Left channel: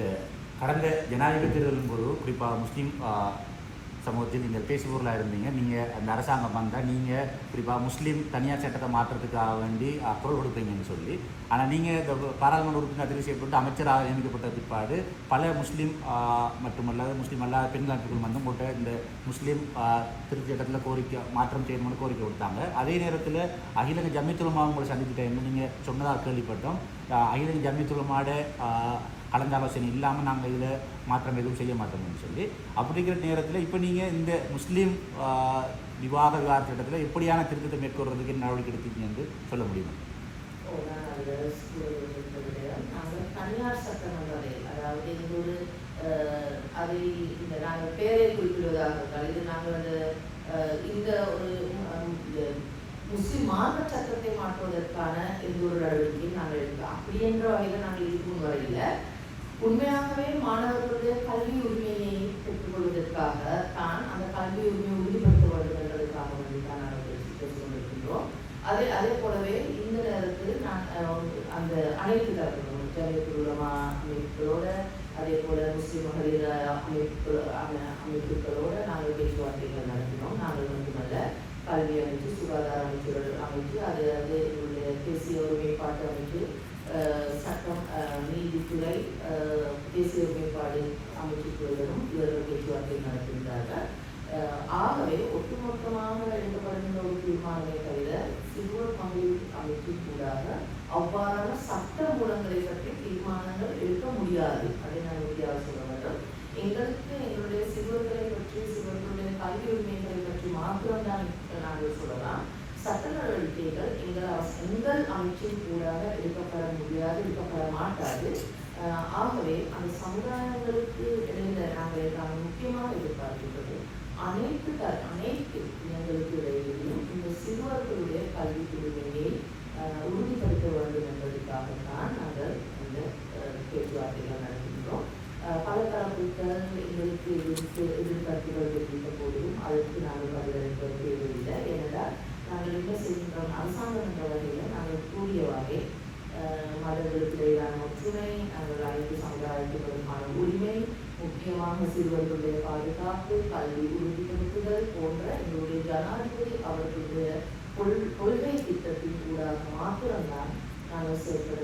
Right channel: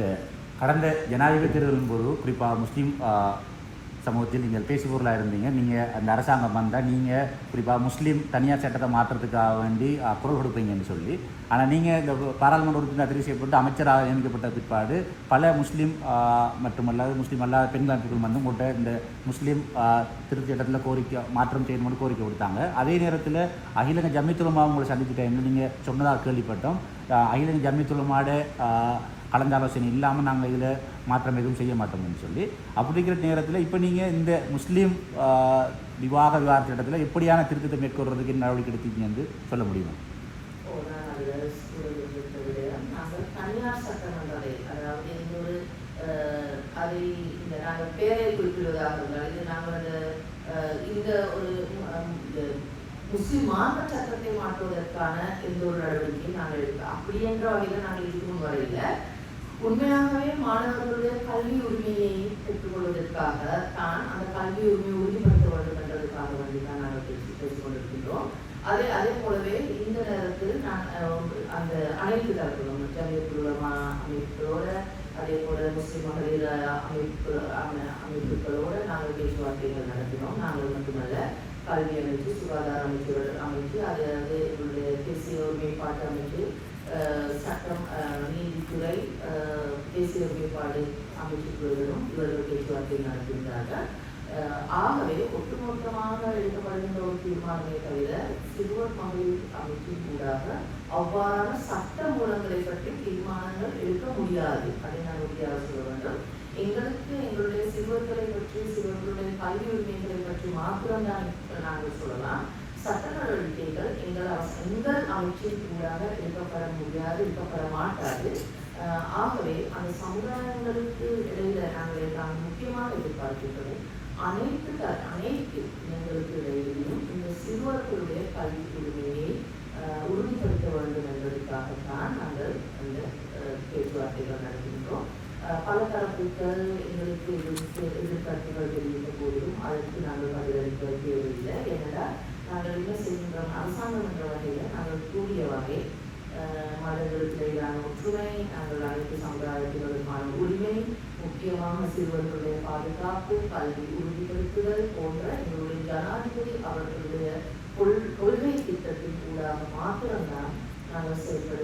இந்த கடந்த ஜனாதிபதி தேர்தலின் போது குறிப்பாக முஸ்லீம் சமூகத்தில் நீங்கள் பேசுபொருளாக இருந்தீங்க. நீங்கள் அந்த அரசாங்கம் வந்தால் நீங்கள் குறிப்பாக முஸ்லீம் தனியார் சட்டத்தை மாற்றுறதுக்காக வேண்டி குரல் கொடுப்பீங்கன்னு சொல்லி. ஆனால் நீங்கள் இந்த பாராளுமன்ற உறுப்பினர் தெரிவு செய்யப்பட்டு அமைச்சராக நியமிக்கப்பட்ட பிற்பாடு பல முஸ்லீம் மட்டுமல்லாது முஸ்லீம் அல்லாத பெண் அமைப்புகள் வந்து உங்கள்கிட்ட இந்த முஸ்லீம் திருத்தி சட்டத்தில் கோரிக்கை மாற்றம் செய்யணும்னு கோரிக்கை கொடுத்தாங்க. அதே நேரத்தில் அகிலங்க ஜம்மித்துலமாக உங்களை சந்தித்த டைமில் நீங்கள் சொன்னதாக கேள்விப்பட்டோம். அகிலங்க ஜம்மித்துலமாட கலந்தாலோசனை இல்லாமல் நாங்கள் இதில் மாற்றம் எதுவும் செய்ய மாட்டோம்னு சொல்லி. அப்படிங்கிற நேரத்தில் இப்போ நீங்கள் இந்த முஸ்லீம் விவாக விவாத சட்டத்தில் எப்படியான திருத்தத்தை மேற்கொள்றதுக்கு நடவடிக்கை எடுத்தீங்க என்று சொல்ல முடியும்? அதாவது ஒரு, அதை இந்த நாங்கள் பேரை குறிப்பிடுவதாக இருந்தால், இது நாங்கள் இந்த ஒரு இந்த முஸ்லிம் மார்க்க சட்டத்தை மாற்றுவதற்கான எந்த ஒரு நடவடிக்கையும் நாங்கள் எடுக்க அப்படி என்ற வகையில் நாங்கள் இருக்கும் வரையில உண்மையாகவே மாணவர்களுடைய கல்வி உரிமையை பெற்றுக்கொள்வதற்காக தான் அந்த கல்வி உரிமை உறுதிப்படுத்த வேண்டும் என்பதற்காக தான் நாங்கள் பேசிக் கொண்டிருக்கின்றோம். அதே அதே போலவே இந்த நேரத்தில் நான் அந்த அனைத்து தரப்பிலும் ஜமியத்துலமா அமைப்புகளோட அதே போல முஸ்லிம் மகளிர் அமைப்பு அமைப்புகளோட நாங்கள் பேச்சுவார்த்தைகள் நடத்தினோம். நாங்கள் மட்டுமல்ல கல்வி அமைச்சு சுகாதார அமைச்சுகள் அமைச்சு அது அது தேசிய ஒருமைப்பாட்டு அமைச்சு சட்டம் நீதி தேசிய ஒருமைப்பாடு அமைச்சுக்களுடனும் இவர்கள் பேச்சுவார்த்தை நடத்துகின்றார்கள் ஆகவே ஒட்டுமொத்தமாக எடுக்கப்படுகின்ற ஒரு தீர்மானமே தவிர சிறுவர் பங்கு அமைப்பின் கூடாக அவ்வாறான சட்ட மூலங்களை பற்றி தீர்மானங்கள் எடுக்க முடியாது. அதை நான் உறுதியாக சொல்ல வேண்டும். எங்களுக்கு எங்களுடைய சிறுவர்களை பற்றி சிறுவர்களுடைய கல்வி உரிமைகளை பற்றி மாத்திரம் தான் நாங்கள் சொல்லலாம். சட்ட நடவடிக்கைகள் எங்கள் எங்கள் அமைச்சின் கூடாக எடுக்கப்பட முடியாது எடுக்கப்பட மாட்டாது. ஆகவே அந்த சமுதாயங்களுக்கு இடையில நாங்கள் நான் முக்கியமாக எதிர்பார்க்கின்றது அனைத்து அனைத்து எங்களுக்கு இடையிலும் இந்த சிறுவர்களுடைய கல்வி உரிமையை உறுதிப்படுத்த வேண்டும் என்பதற்காகத்தான் நாங்கள் அந்த பேச்சுவார்த்தைகள் நடத்துகின்றோம். பல தரப்புகள் எங்களுக்கு எதிர்ப்பு எதிர்பார்ப்புகள் தெரிவித்த போதும் அதற்கு நாங்கள் பதிலளிக்க அரசுத்துறை அல்லது அனைத்து சமுதாயத்தினருக்கான உரிமை முக்கியமாக சிறுவர்களுடைய பாதுகாப்பு கல்வி உறுதிப்படுத்துதல் போன்ற எங்களுடைய ஜனாதிபதி அவர்களுடைய கொள்கை திட்டத்தின் ஊடாக மாத்திரம்தான் நாங்கள் செயல்பட